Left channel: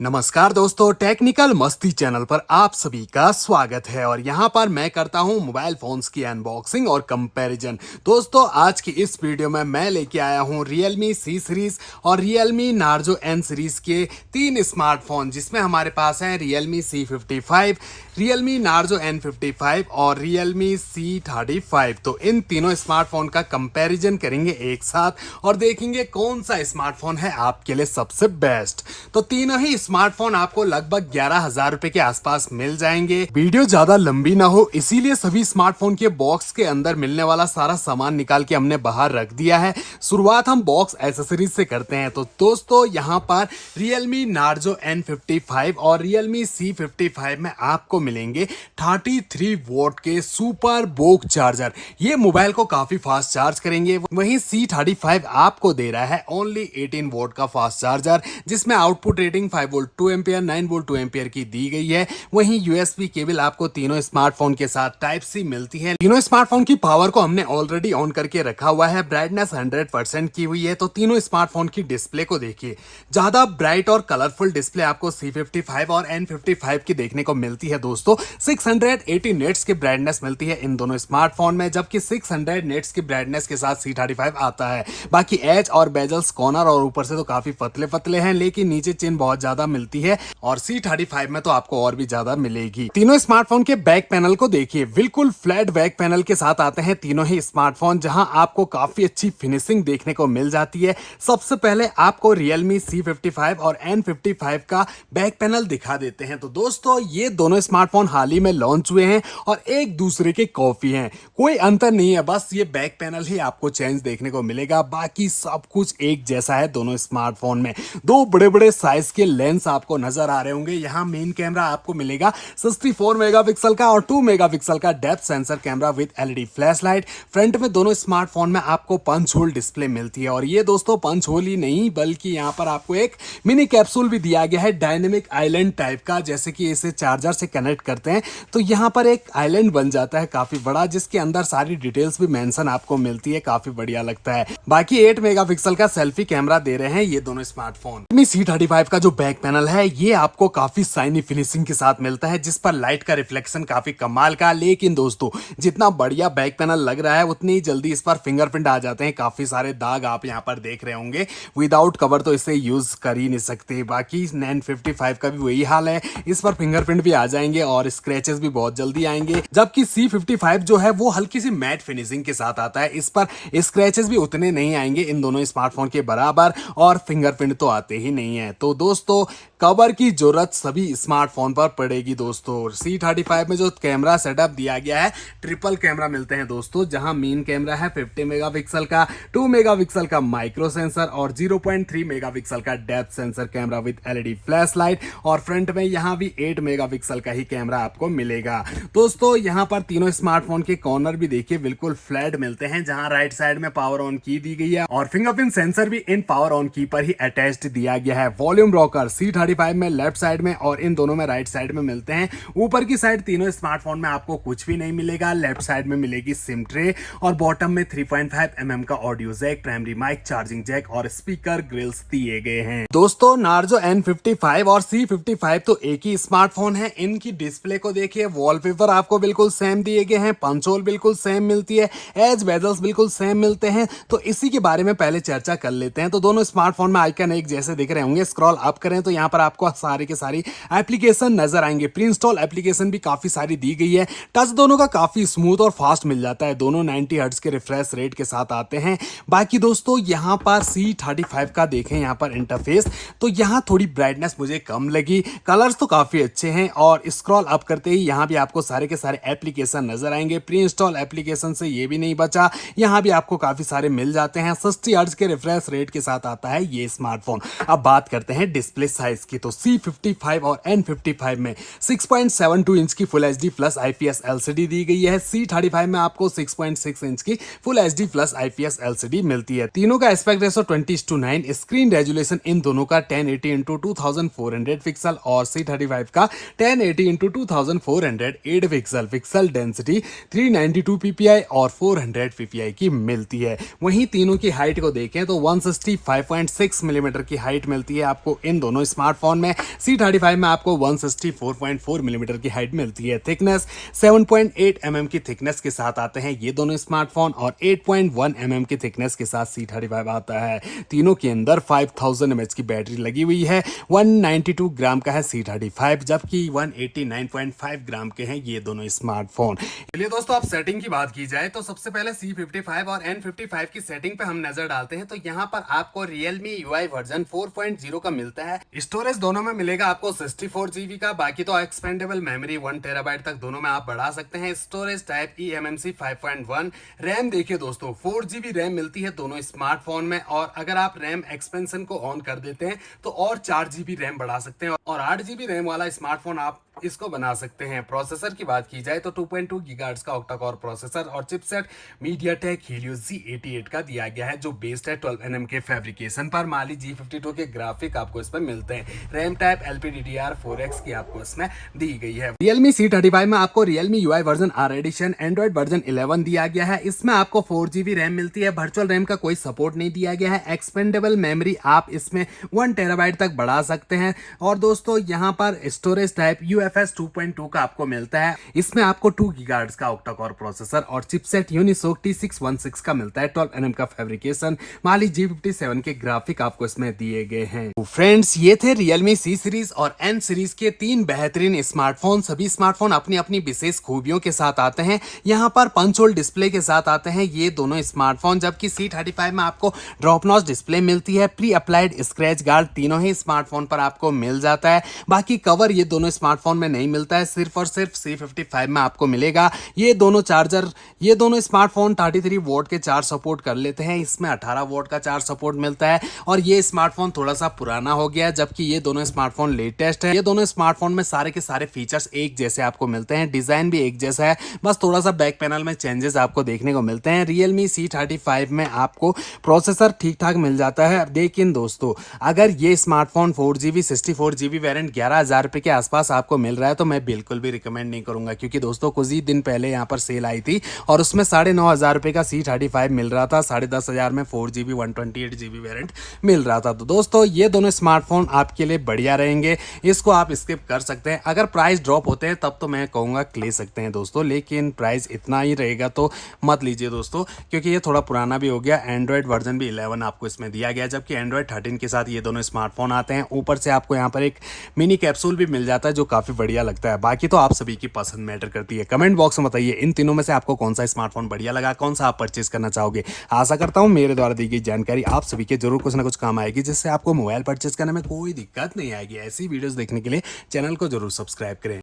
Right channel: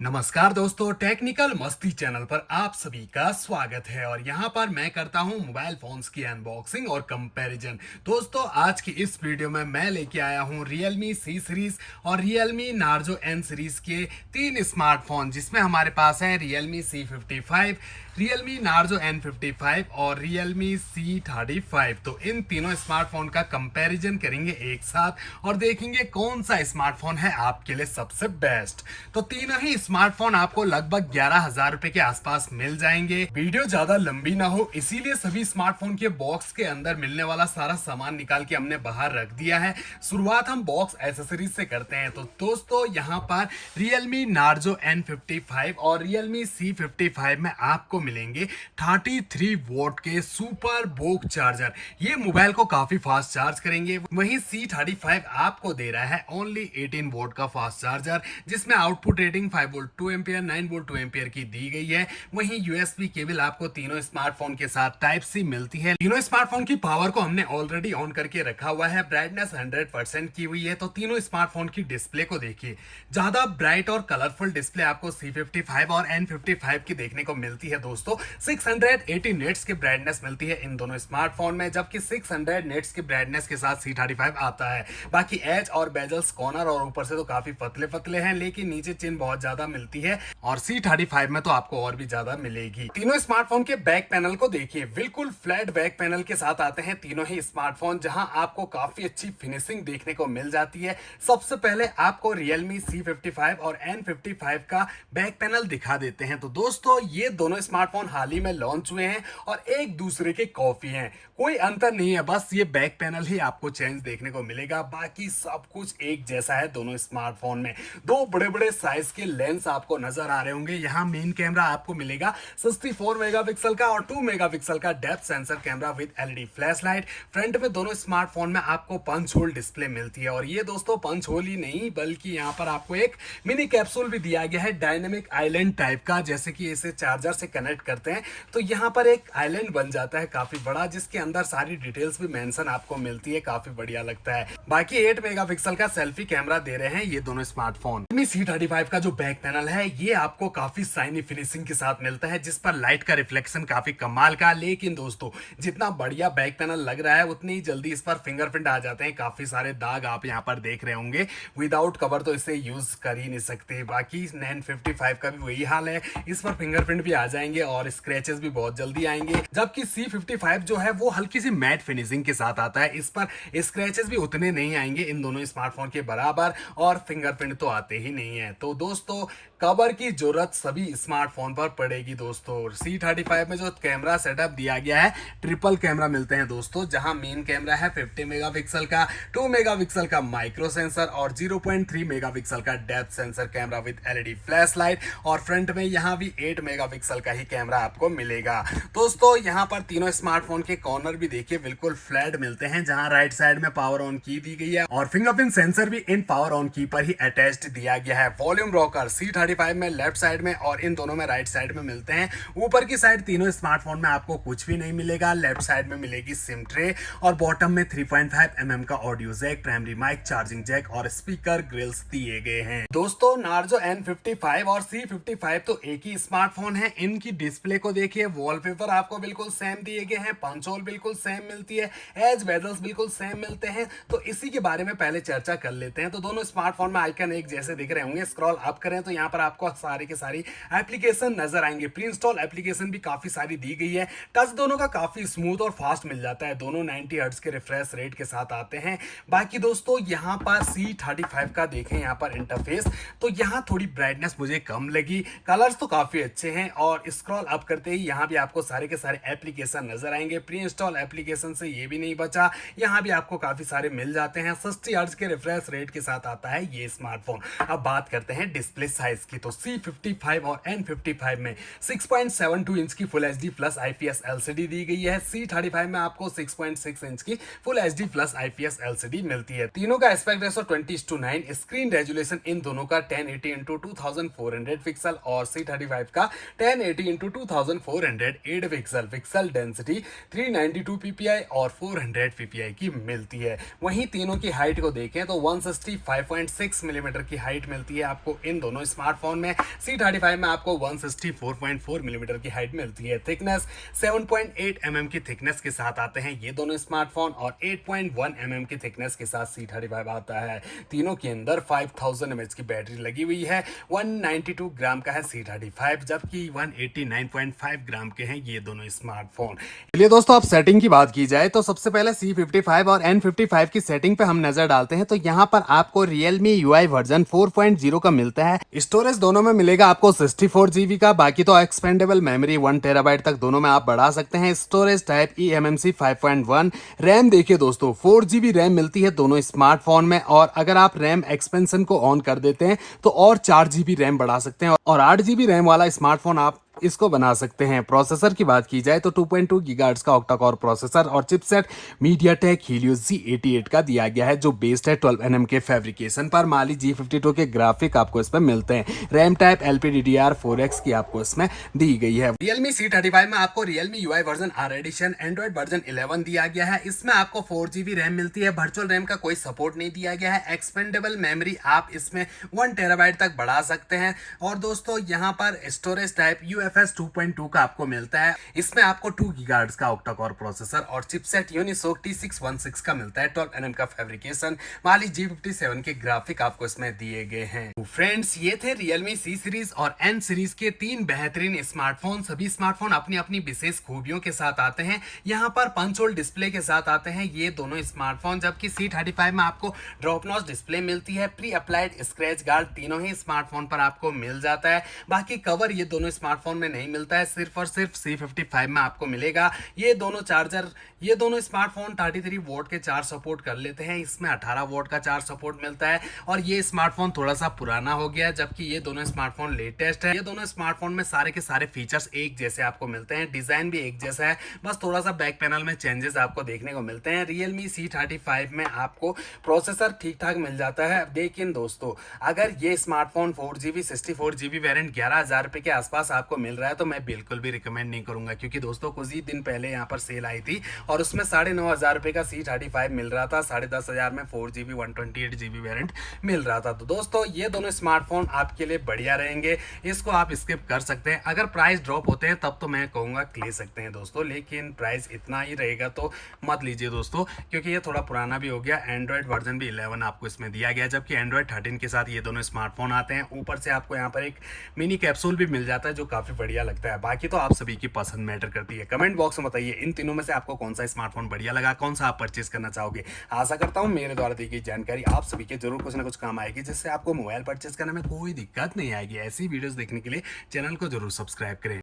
नमस्कार दोस्तों, टेक्निकल मस्ती चैनल पर आप सभी का स्वागत है। और यहाँ पर मैं करता हूँ मोबाइल फोन्स की अनबॉक्सिंग और कंपैरिजन। दोस्तों, आज की इस वीडियो में मैं लेके आया हूँ Realme C सीरीज और Realme Narzo N सीरीज के तीन स्मार्टफोन, जिसमें हमारे पास है Realme C55, Realme Narzo N55 और Realme C35। तो इन तीनों स्मार्टफोन का कंपैरिजन करेंगे एक साथ और देखेंगे कौन सा स्मार्टफोन है आपके लिए सबसे बेस्ट। तो तीनों ही स्मार्टफोन आपको लगभग 11,000 रुपए के आसपास मिल जाएंगे। वीडियो ज्यादा लंबी ना हो, इसीलिए सभी स्मार्टफोन के बॉक्स के अंदर मिलने वाला सारा सामान निकाल के हमने बाहर रख दिया है। शुरुआत हम बॉक्स एसेसरीज से करते हैं। तो दोस्तों, यहाँ पर Realme Narzo N55 और Realme C55 में आपको मिलेंगे 33 वोल्ट के सुपर बोक चार्जर। ये मोबाइल को काफी फास्ट चार्ज करेंगे। वहीं C35 आपको दे रहा है ओनली 18 वोल्ट का फास्ट चार्जर, जिसमें output rating 5 volt 2 ampere 9 volt 2 ampere की दी गई है। वहीं यूएसबी केबल आपको तीनों स्मार्टफोन के साथ टाइप सी मिलती है। तीनों स्मार्टफोन की पावर को हमने ऑलरेडी ऑन करके रखा हुआ है। ब्राइटनेस 100% की हुई है। तो तीनों स्मार्टफोन की डिस्प्ले को देखिए, ज्यादा ब्राइट और कलरफुल डिस्प्ले आपको C55 और N55 की देखने को मिलती है। दोस्तों, 680 नेट्स की ब्राइटनेस मिलती है इन दोनों स्मार्टफोन में, जबकि 600 नेट्स की ब्राइटनेस के साथ C35 आता है। बाकी एज और बेजल्स, कॉर्नर और ऊपर से तो काफी पतले पतले हैं, लेकिन नीचे चिन बहुत ज्यादा मिलती है और C35 में तो आपको और भी ज्यादा मिलेगी। तीनों स्मार्टफोन के बैक पैनल को देखिए, बिल्कुल फ्लैट बैक पैनल के साथ आते हैं तीनों ही स्मार्टफोन, जहां आपको काफी अच्छी फिनिशिंग देखने को मिल जाती है। सबसे पहले आपको Realme C55 और N55 का बैक पैनल दिखा देते हैं। तो दोस्तों, ये दोनों स्मार्टफोन हाल ही में लॉन्च हुए हैं और एक दूसरे के कॉपी हैं। कोई अंतर नहीं है, बस ये बैक पैनल ही आपको चेंज देखने को मिलेगा। बाकी सब कुछ एक जैसा है दोनों स्मार्टफोन में। दो बड़े बड़े साइज के लेंस आपको नजर आ रहे होंगे। यहाँ मेन कैमरा आपको मिलेगा 64 मेगापिक्सल का और 2 मेगापिक्सल का depth sensor camera with LED flash light. Front में दोनों स्मार्टफोन में आपको पंच होल डिस्प्ले मिलती है और ये दोस्तों पंच होल ही नहीं, बल्कि यहाँ पर आपको एक मिनी कैप्सूल भी दिया गया है डायनेमिक आइलैंड टाइप का। जैसे कि इसे चार्जर से कनेक्ट करते हैं तो यहाँ पर एक आइलैंड बन जाता है काफी बड़ा, जिसके अंदर सारी डिटेल्स भी मेंशन आपको मिलती है। काफी बढ़िया लगता है। बाकी 8 मेगापिक्सल का सेल्फी कैमरा दे रहे हैं ये दोनों स्मार्टफोन। C35 का जो बैक पैनल है ये आपको काफी शाइनी फिनिशिंग के साथ मिलता है, जिस पर लाइट का रिफ्लेक्शन काफी कमाल का। लेकिन दोस्तों, जितना बढ़िया बैक पैनल लग रहा है उतनी ही जल्दी इस पर फिंगरप्रिंट आ जाते हैं। काफी सारे दाग आप यहाँ पर देख रहे होंगे। विदाउट कवर तो इसे यूज कर ही नहीं सकते। बाकी N55 का भी वही हाल है, इस पर फिंगरप्रिंट भी आ जाएंगे और स्क्रैचेस भी बहुत जल्दी आएंगे। जबकि C55 जो है वो हल्की सी मैट फिनिशिंग के साथ आता है, इस पर स्क्रैचेस भी उतने नहीं आएंगे इन दोनों स्मार्टफोन के बराबर, और फिंगरप्रिंट तो आते ही नहीं है। तो दोस्तों, कवर की जरूरत सभी स्मार्टफोन पर पड़ेगी। दोस्तों, C35 में जो कैमरा सेटअप दिया गया है, ट्रिपल कैमरा मिलते हैं दोस्तों, जहां मेन कैमरा है 50 मेगापिक्सल का, 2 मेगापिक्सल का माइक्रो सेंसर और 0.3 मेगापिक्सल का depth sensor camera with LED flash light. और फ्रंट में यहां भी 8 मेगापिक्सल का ही कैमरा आपको मिलेगा। दोस्तों, यहां पर तीनों स्मार्टफोन के कॉर्नर भी देखिए बिल्कुल फ्लैट मिलते हैं, जहां राइट साइड में पावर ऑन की दी गई है और फिंगरप्रिंट सेंसर भी इन पावर ऑन की पर ही अटैच्ड दिया गया है। वॉल्यूम रॉकर C35 में लेफ्ट साइड में और इन दोनों में राइट साइड में मिलते हैं। ऊपर की साइड तीनों स्मार्टफोन में आपको कुछ भी नहीं मिलेगा। लेफ्ट साइड में मिलेगी सिम ट्रे और बॉटम में 3.5 mm का audio jack, primary mic, charging jack और स्पीकर ग्रिल्स दिए गए हैं। दोस्तों, Narzo N55 और C55 तो एक ही स्मार्टफोन है। इनकी डिस्प्ले को देखिए, वॉलपेपर आपको बिल्कुल सेम दिए गए हैं, पंच होल बिल्कुल सेम मिलती है, एज बेजल्स बिल्कुल सेम मिलते हैं। तो इसी के बारे में पहले चर्चा कर लेते हैं। तो दोनों स्मार्टफोन में आइकन एक जैसे दिख रहे होंगे। स्क्रॉल अप करें तो यहाँ पर आपको सारी के सारी एप्लीकेशन नजर आएंगे। प्री इंस्टॉल एप्लीकेशन भी काफी सारी दी गई है। टच दोनों का काफी स्मूथ और फास्ट मिल जाता है। दोनों 90 हर्ट्ज के रिफ्रेश रेट के साथ आते हैं। बाकी दोस्तों, यहाँ पर C35 का देखें यहाँ पर इंटरफेस, तो यहाँ थोड़ी ब्राइटनेस मुझे कम लगी। कलर्स तो काफी अच्छे हैं और स्क्रॉल अप करते ही यहाँ भी आपको सारे के सारे एप्लीकेशन नजर आएंगे। प्री इंस्टॉल एप्लीकेशन से ये भी नहीं बचा, यहाँ भी आपको काफी सारे मिल जाते हैं। 60 हर्ट्ज के रिफ्रेश रेट के साथ आता है ये स्मार्टफोन। अब बात करते हैं डिस्प्ले साइज की। तो C55 और N55 में 6.72 इंच की full HD plus IPS LCD दी गई है। C35 में आपको 6.6 इंच की full HD plus IPS LCD मिलती है। तीनों का एस्पेक्ट रेशो 20:9, स्क्रीन रेजोल्यूशन इन दोनों का 1080 x 2400 पिक्सल और C35 का 1080 x 2408 pixel. Pixel density 392 ppi और 400 ppi की मिलती है। वहीं तीनों की हाइट को देखें तो 165.6 मिलीमीटर की हाइट मिलती है आपको इन दोनों स्मार्टफोन में C35 में आपको 164.4 मिलीमीटर की हाइट मिलती है। थिकनेस 7.8 mm की थिकनेस के साथ आते हैं ये दोनों स्मार्टफोन और 8.1 mm की थिकनेस के साथ C35 आता है। तीनों के अंदर 5000 mAh की बैटरी लगी हुई है। 192 ग्राम का है C35 जबकि 189.5 ग्राम के हैं ये दोनों स्मार्टफोन। चलिए दोस्तों, अब सेटिंग की बात की जाए तो सबसे पहले C55 और N55 की सेटिंग पे हम नजर डालते हैं तो यहाँ पर आपको Realme UI वर्जन 4.0 का मिलता है। स्टोरेज दोनों में मिलेगा आपको 64 GB का, बाकी तो एक्सपेंडेबल मेमोरी 1 TB तक दोनों में आप बढ़ा सकते हैं। Storage type eMMC 5.1। रैम देखिए दोस्तों, 4 GB रैम मिलती है दोनों स्मार्टफोन में, और अगर आप रैम एक्सपेंशन को ऑन कर देते हैं तो और 4 GB रैम बढ़ा सकते हैं और 8 GB रैम वाला स्मार्टफोन आप इसको बना सकते हैं। प्रोसेसर की बात की जाए तो 2.2 गीगाहर्ट्ज का ऑक्टा कोर प्रोसेसर और चिपसेट MediaTek Helio Z88 का दिया गया है जो बेस्ड है 12 nm के फैब्रिकेशन पर। Mali G52 के ग्राफिक आपको इसमें मिलते हैं। रैम टाइप LPDDR4X की आपको इसमें दी गई है। Realme C35 में आपको Realme UI version R edition android version 11 दिया गया है। इसमें आपको 4 GB रैम मिलती है। वर्चुअल रैम का कोई सपोर्ट नहीं दिया गया है। एक्सपेंडेबल मेमोरी आप इसमें 1 TB तक बढ़ा सकते हैं। और दोस्तों यहाँ पर स्टोरेज टाइप UFS 2.2 का आपको मिलता है। इसमें आपको 2 गीगाहर्ट्ज का ऑक्टा कोर प्रोसेसर और चिपसेट Unisoc T616 का मिलता है। 12 nm का फैब्रिकेशन, Mali G57 के ग्राफिक आपको इसमें दिए गए हैं। तो फ्रेंड्स, ये थे Realme C सीरीज और N सीरीज के 3 बेहतरीन स्मार्टफोन। सभी स्मार्टफोन अपनी अपनी विशेष खूबियों के साथ आते हैं। यहाँ पर पंच होल डिस्प्ले के साथ आते हैं ये दोनों स्मार्टफोन, जबकि C35 में आपको ड्रॉप नॉच डिस्प्ले मिलती है। प्री अप्लाइड स्क्रैच गार्ड तीनों ही स्मार्टफोन पर आपको मिल जाता है। बाकी कवर ये दोनों स्मार्टफोन में नहीं मिलता है, सिर्फ और सिर्फ C55 में आपको मिलेगा। ये दोनों स्मार्टफोन 33 वोल्ट के चार्ज सपोर्ट कर लेते हैं। इसमें 18 वोल्ट का चार्ज सपोर्ट मिलता है और ये स्मार्टफोन थोड़ा सा पुराना हो गया है, जबकि ये दोनों स्मार्टफोन लेटेस्ट है। ये दोनों स्मार्टफोन में सारे के सारे फीचर्स एक जैसे आपको मिलते हैं। डिजाइन भी एक जैसा है, बस थोड़ा सा बैक पैनल में चेंजेस आपको देखने को मिलते हैं। Realme C35 में आपको प्रोसेसर ठीक ठाक मिल जाता है। लेकिन दोस्तों, अगर ये स्मार्टफोन 4GB 64GB वेरिएंट 11,000 रुपए के आसपास आपको मिल रहा है तो मैं बिल्कुल भी रिकमेंड नहीं करूंगा, क्योंकि दोस्तों कुछ ही दिन पहले यहाँ पर सेल आई थी और उसमें 9,500 रुपए का C35 मिल रहा था। 10,500 में 4GB 128GB वेरिएंट मिल रहा था। तो दोस्तों, ये दोनों स्मार्टफोन आपके लिए बढ़िया रहेंगे, इसको आप स्किप कर सकते हैं। अगर प्राइस ड्रॉप होते हैं तब तो मैं कहूंगा ले सकते हैं दोस्तों, लेकिन प्राइस इतना ही रहेगा तो मत लीजिए दोस्तों, क्योंकि ये थोड़ा पुराना भी हो गया। एंड्रॉइड वर्जन भी 11 आपको इसमें दिया गया है, जबकि एंड्रॉइड 13 के साथ ये दोनों स्मार्टफोन आते हैं। ऊपर से आपको यहाँ पर एक मिनी कैप्सूल भी मिल जाता है जो काफी बढ़िया लगता है। बाकी तो आप सभी की पसंद मैटर करती है। कमेंट बॉक्स में बताइए इन तीनों में से आपको कौन सा स्मार्टफोन बढ़िया लगा, कौन सा आप परचेज करना चाहोगे। आशा करता हूं मेरे द्वारा दी गई जानकारी आप सभी के जरूर कुछ ना कुछ काम आएगी, जिससे आपको मोबाइल परचेज करने में कोई दिक्कत नहीं आएगी। ऐसी वीडियोस देखने के लिए चैनल को जरूर सब्सक्राइब करें।